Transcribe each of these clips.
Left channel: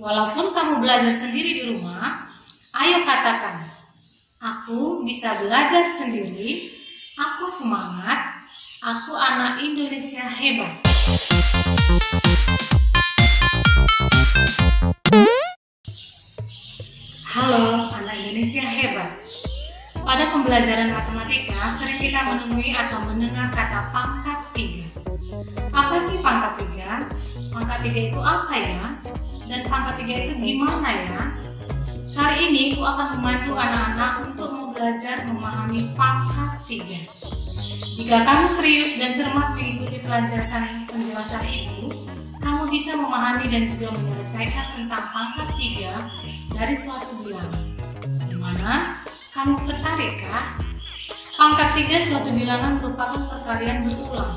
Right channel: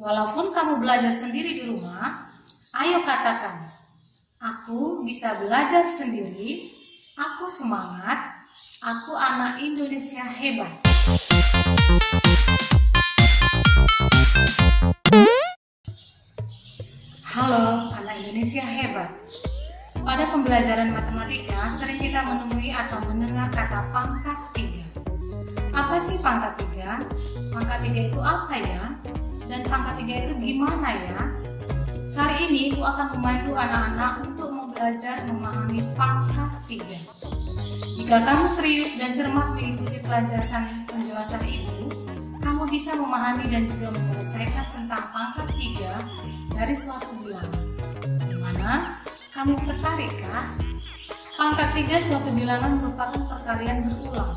Walaupun kamu belajar sendiri di rumah, ayo katakan, aku bisa belajar sendiri, aku semangat, aku anak Indonesia hebat. Halo, anak Indonesia hebat. Pada pembelajaran matematika, sering kita menemui atau mendengar kata pangkat 3. Apa sih pangkat 3? Pangkat 3 itu apa ya? Dan pangkat 3 itu gimana ya? Kali ini aku akan membantu anak-anak untuk belajar memahami pangkat 3. Jika kamu serius dan cermat mengikuti penjelasan ini, kamu bisa memahami dan juga menyelesaikan tentang pangkat 3 dari suatu bilangan. Dimana kamu tertarik kah? Pangkat 3 suatu bilangan merupakan perkalian berulang.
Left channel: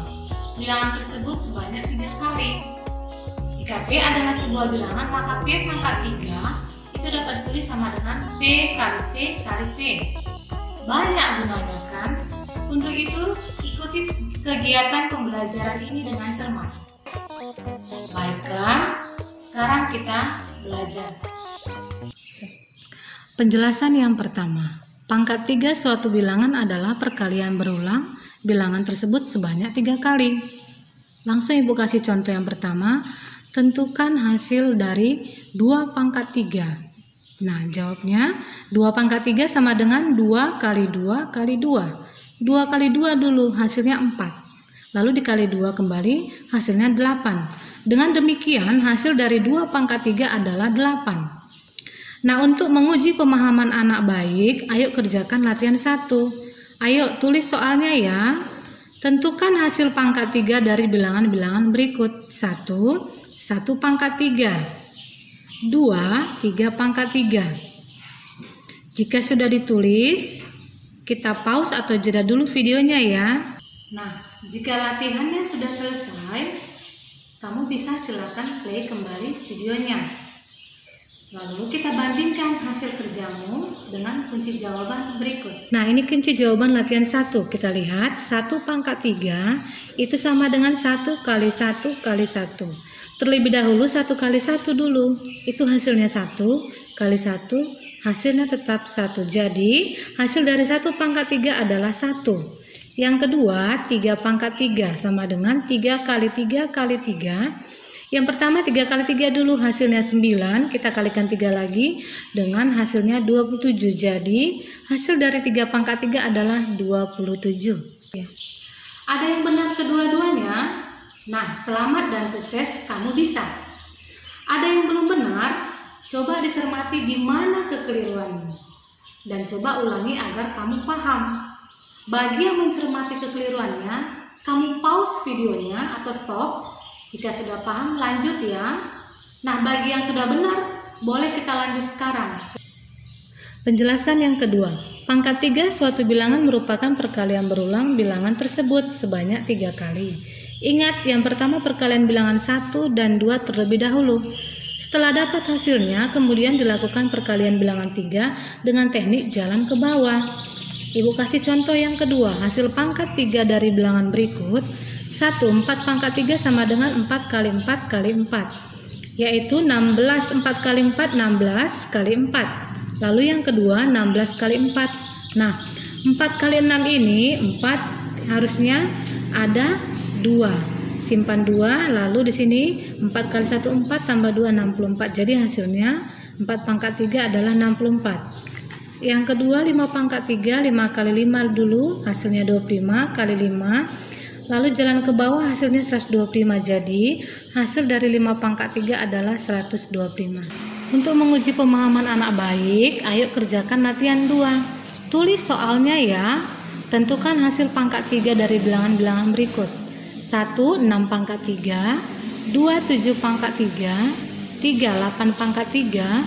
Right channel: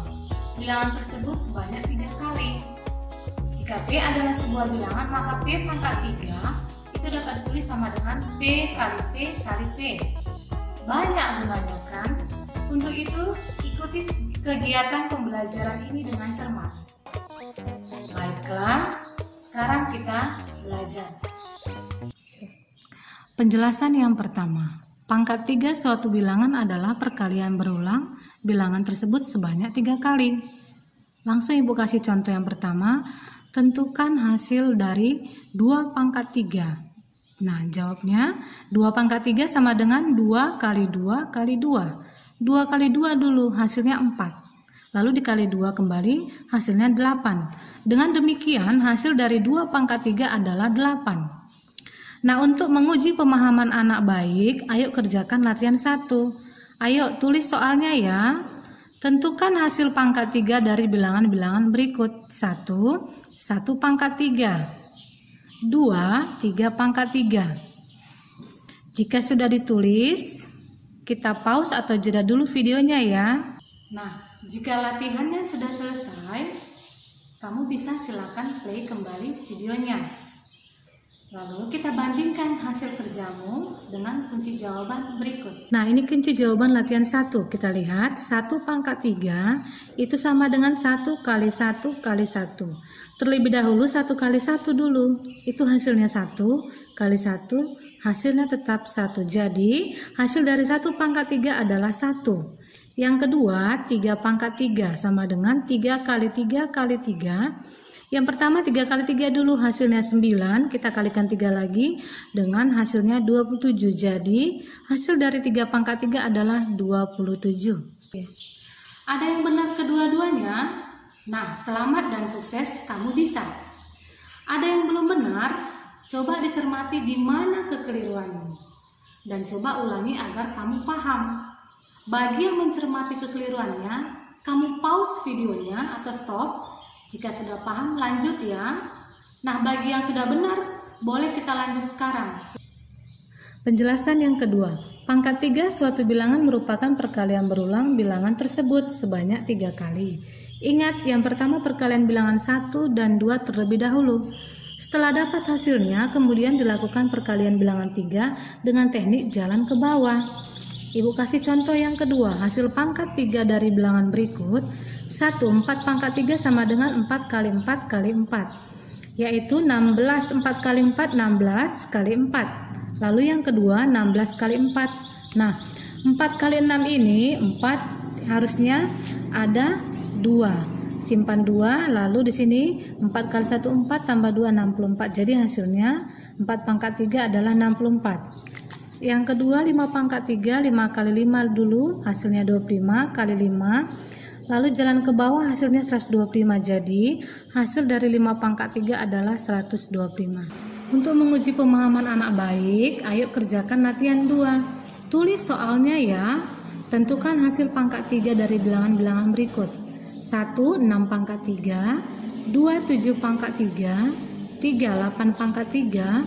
Bilangan tersebut sebanyak 3 kali. Jika P adalah sebuah bilangan, maka P pangkat 3 itu dapat ditulis sama dengan P kali P kali P. Banyak gunanya kan? Untuk itu, ikuti kegiatan pembelajaran ini dengan cermat. Baiklah, sekarang kita belajar. Penjelasan yang pertama, pangkat 3 suatu bilangan adalah perkalian berulang bilangan tersebut sebanyak 3 kali. Langsung Ibu kasih contoh yang pertama, tentukan hasil dari 2 pangkat 3. Nah, jawabnya 2 pangkat 3 sama dengan 2 kali 2 kali 2. 2 kali 2 dulu, hasilnya 4. Lalu dikali 2 kembali, hasilnya 8. Dengan demikian, hasil dari 2 pangkat 3 adalah 8. Nah, untuk menguji pemahaman anak baik, ayo kerjakan latihan 1. Ayo tulis soalnya ya. Tentukan hasil pangkat 3 dari bilangan-bilangan berikut. 1 pangkat 3. 2 3 pangkat 3. Jika sudah ditulis, kita pause atau jeda dulu videonya ya. Nah, jika latihannya sudah selesai, kamu bisa silakan play kembali videonya. Lalu kita bandingkan hasil kerjamu dengan kunci jawaban berikut. Nah, ini kunci jawaban latihan 1. Kita lihat 1 pangkat 3 itu sama dengan 1 kali 1 kali 1. Terlebih dahulu 1 kali 1 dulu. Itu hasilnya 1 kali 1, hasilnya tetap 1. Jadi, hasil dari 1 pangkat 3 adalah 1. Yang kedua, 3 pangkat 3 sama dengan 3 kali 3 kali 3. Yang pertama 3 kali 3 dulu, hasilnya 9, kita kalikan 3 lagi dengan hasilnya 27. Jadi hasil dari 3 pangkat 3 adalah 27. Ada yang benar kedua-duanya? Nah, selamat dan sukses, kamu bisa. Ada yang belum benar? Coba dicermati di mana kekeliruanmu. Dan coba ulangi agar kamu paham. Bagi yang mencermati kekeliruannya, kamu pause videonya atau stop. Jika sudah paham, lanjut ya. Nah, bagi yang sudah benar, boleh kita lanjut sekarang. Penjelasan yang kedua, pangkat 3 suatu bilangan merupakan perkalian berulang bilangan tersebut sebanyak 3 kali. Ingat, yang pertama perkalian bilangan 1 dan 2 terlebih dahulu. Setelah dapat hasilnya, kemudian dilakukan perkalian bilangan 3 dengan teknik jalan ke bawah. Ibu kasih contoh yang kedua, hasil pangkat 3 dari bilangan berikut. 1 4 pangkat 3 sama dengan 4 kali 4 kali 4, yaitu 16 4 kali 4 16 kali 4. Lalu yang kedua 16 kali 4. Nah, 4 kali 6 ini 4 harusnya ada 2. Simpan 2, lalu di sini 4 kali 1 4 tambah 2 64. Jadi hasilnya 4 pangkat 3 adalah 64. Yang kedua 5 pangkat 3, 5 kali 5 dulu, hasilnya 25 kali 5. Lalu jalan ke bawah, hasilnya 125. Jadi hasil dari 5 pangkat 3 adalah 125. Untuk menguji pemahaman anak baik, ayo kerjakan latihan 2. Tulis soalnya ya. Tentukan hasil pangkat 3 dari bilangan-bilangan berikut. 1 6 pangkat 3, 2 7 pangkat 3, 3 8 pangkat 3,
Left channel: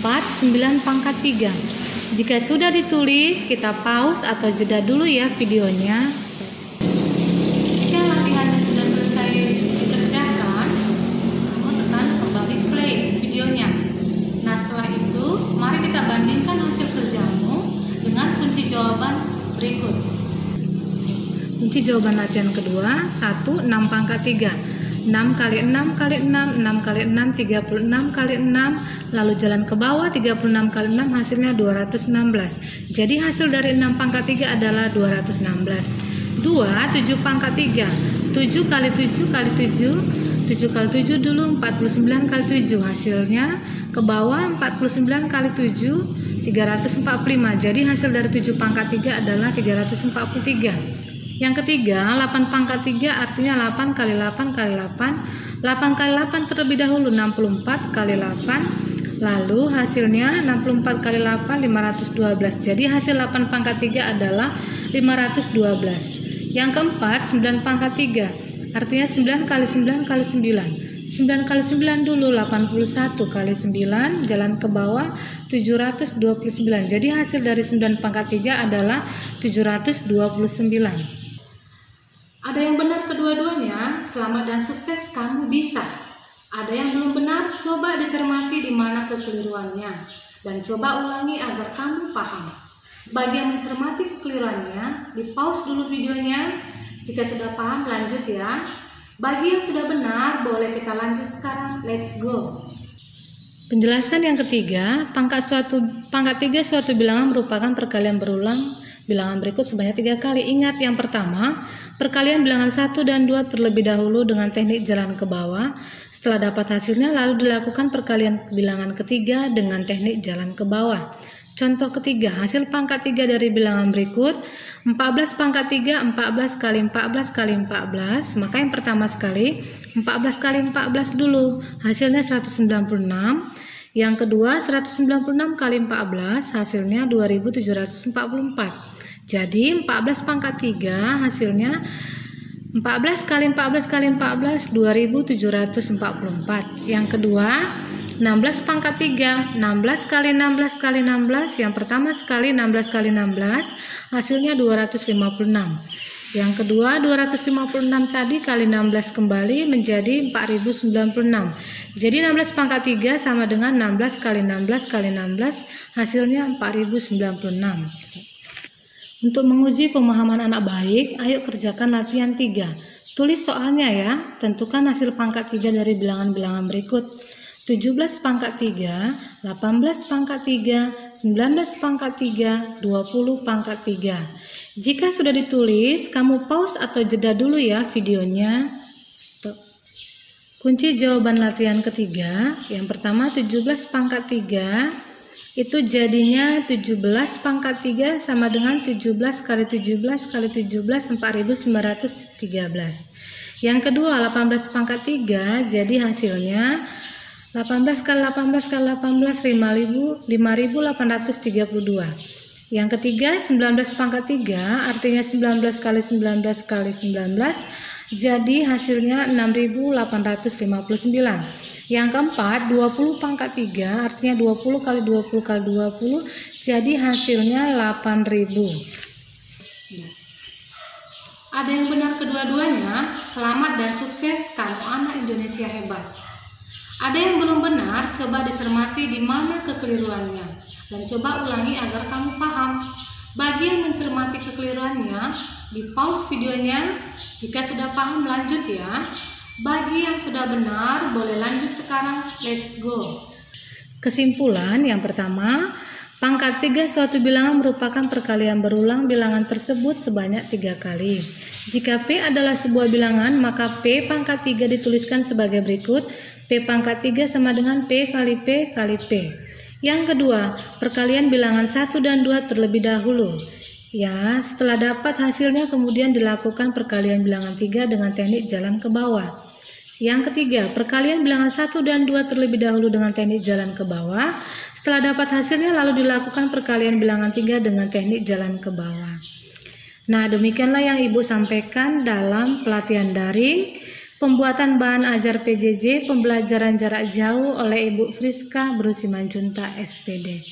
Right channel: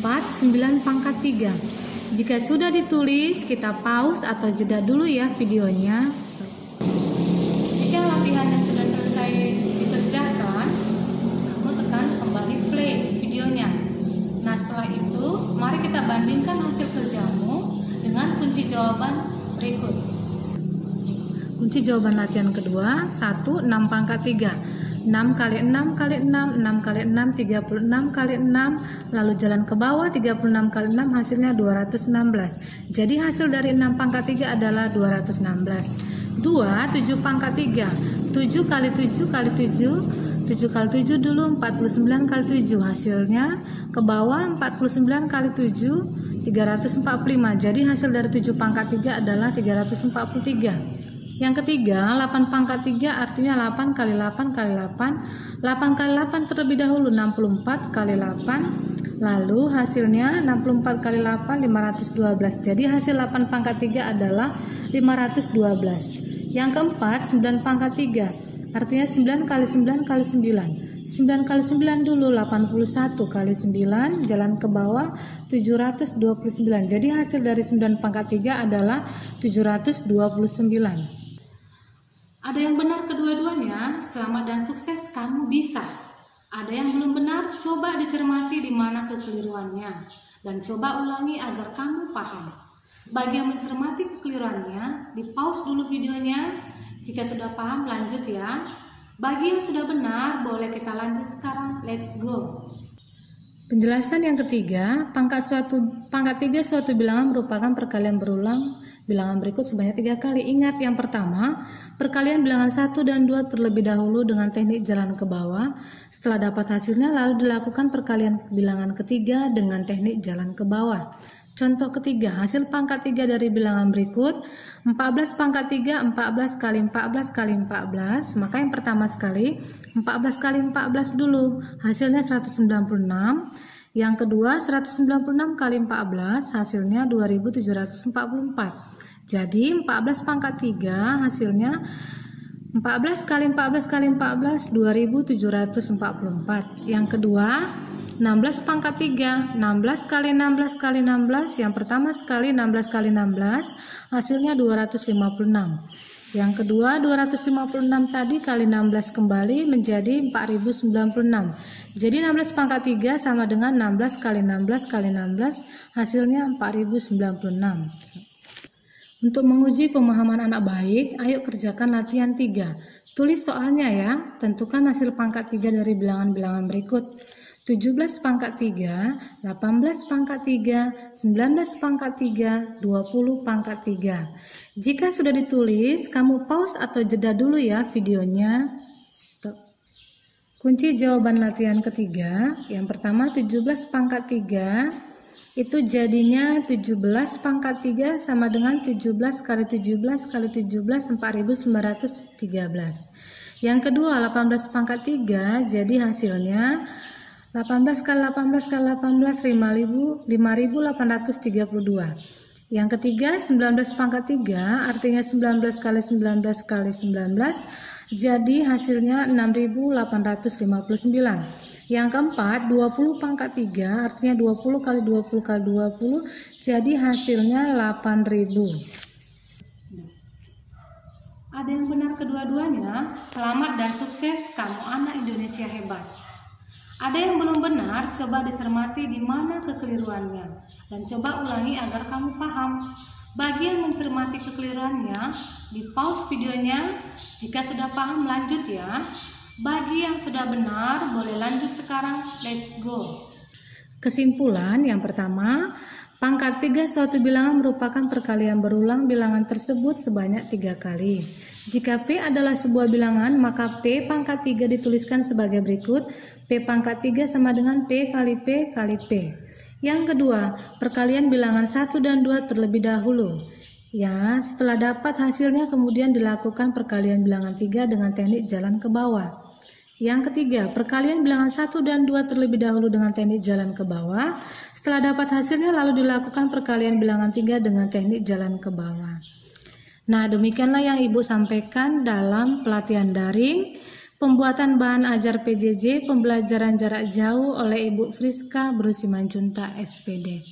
4 9 pangkat 3. Jika sudah ditulis, kita pause atau jeda dulu ya videonya. Jika latihannya sudah selesai dikerjakan, kamu tekan kembali play videonya. Nah, setelah itu, mari kita bandingkan hasil kerjamu dengan kunci jawaban berikut. Kunci jawaban latihan kedua, 1 6 pangkat 3. 6 kali 6 kali 6, 6 kali 6, 36 kali 6, lalu jalan ke bawah 36 kali 6 hasilnya 216. Jadi hasil dari 6 pangkat 3 adalah 216. 2, 7 pangkat 3, 7 kali 7 kali 7, 7 kali 7 dulu 49 kali 7, hasilnya ke bawah 49 kali 7, 345. Jadi hasil dari 7 pangkat 3 adalah 343. Yang ketiga, 8 pangkat 3 artinya 8 kali 8 kali 8. 8 kali 8 terlebih dahulu 64 kali 8. Lalu hasilnya 64 kali 8 512. Jadi hasil 8 pangkat 3 adalah 512. Yang keempat, 9 pangkat 3 artinya 9 kali 9 kali 9. 9 kali 9 dulu 81 kali 9, jalan ke bawah 729. Jadi hasil dari 9 pangkat 3 adalah 729. Ada yang benar kedua-duanya, selamat dan sukses, kamu bisa. Ada yang belum benar, coba dicermati di mana kekeliruannya dan coba ulangi agar kamu paham. Bagi yang mencermati kekeliruannya, di pause dulu videonya. Jika sudah paham, lanjut ya. Bagi yang sudah benar, boleh kita lanjut sekarang. Let's go. Penjelasan yang ketiga, pangkat 3 suatu bilangan merupakan perkalian berulang bilangan berikut sebanyak 3 kali. Ingat, yang pertama, perkalian bilangan 1 dan 2 terlebih dahulu dengan teknik jalan ke bawah. Setelah dapat hasilnya, lalu dilakukan perkalian bilangan ketiga dengan teknik jalan ke bawah. Contoh ketiga, hasil pangkat 3 dari bilangan berikut, 14 pangkat 3, 14 kali 14 kali 14. Maka yang pertama sekali, 14 kali 14 dulu, hasilnya 196. Yang kedua, 196 kali 14, hasilnya 2744. Jadi 14 pangkat 3 hasilnya 14 kali 14 kali 14 2744. Yang kedua, 16 pangkat 3, 16 kali 16 kali 16. Yang pertama sekali 16 kali 16 hasilnya 256. Yang kedua, 256 tadi kali 16 kembali menjadi 4096. Jadi 16 pangkat 3 sama dengan 16 kali 16 kali 16 hasilnya 4096. Untuk menguji pemahaman anak baik, ayo kerjakan latihan 3. Tulis soalnya ya. Tentukan hasil pangkat 3 dari bilangan-bilangan berikut. 17 pangkat 3, 18 pangkat 3, 19 pangkat 3, 20 pangkat 3. Jika sudah ditulis, kamu pause atau jeda dulu ya videonya. Kunci jawaban latihan ketiga, yang pertama 17 pangkat 3, itu jadinya 17 pangkat 3 sama dengan 17 kali 17 kali 17 4913. Yang kedua 18 pangkat 3, jadi hasilnya 18 kali 18 kali 18 5832. Yang ketiga 19 pangkat 3, artinya 19 kali 19 kali 19, jadi hasilnya 6859. Yang keempat 20 pangkat 3, artinya 20 kali 20 kali 20, jadi hasilnya 8000. Ada yang benar kedua-duanya, selamat dan sukses, kamu anak Indonesia hebat. Ada yang belum benar, coba dicermati di mana kekeliruannya dan coba ulangi agar kamu paham. Bagi yang mencermati kekeliruannya, di pause videonya. Jika sudah paham, lanjut ya. Bagi yang sudah benar, boleh lanjut sekarang. Let's go. Kesimpulan yang pertama, pangkat 3 suatu bilangan merupakan perkalian berulang bilangan tersebut sebanyak 3 kali. Jika P adalah sebuah bilangan, maka P pangkat 3 dituliskan sebagai berikut. P pangkat 3 sama dengan P kali P kali P. Yang kedua, perkalian bilangan 1 dan 2 terlebih dahulu. Ya, setelah dapat hasilnya kemudian dilakukan perkalian bilangan 3 dengan teknik jalan ke bawah. Yang ketiga, perkalian bilangan 1 dan 2 terlebih dahulu dengan teknik jalan ke bawah. Setelah dapat hasilnya lalu dilakukan perkalian bilangan 3 dengan teknik jalan ke bawah. Nah, demikianlah yang Ibu sampaikan dalam pelatihan daring pembuatan bahan ajar PJJ pembelajaran jarak jauh oleh Ibu Friska Brusimanjunta SPD.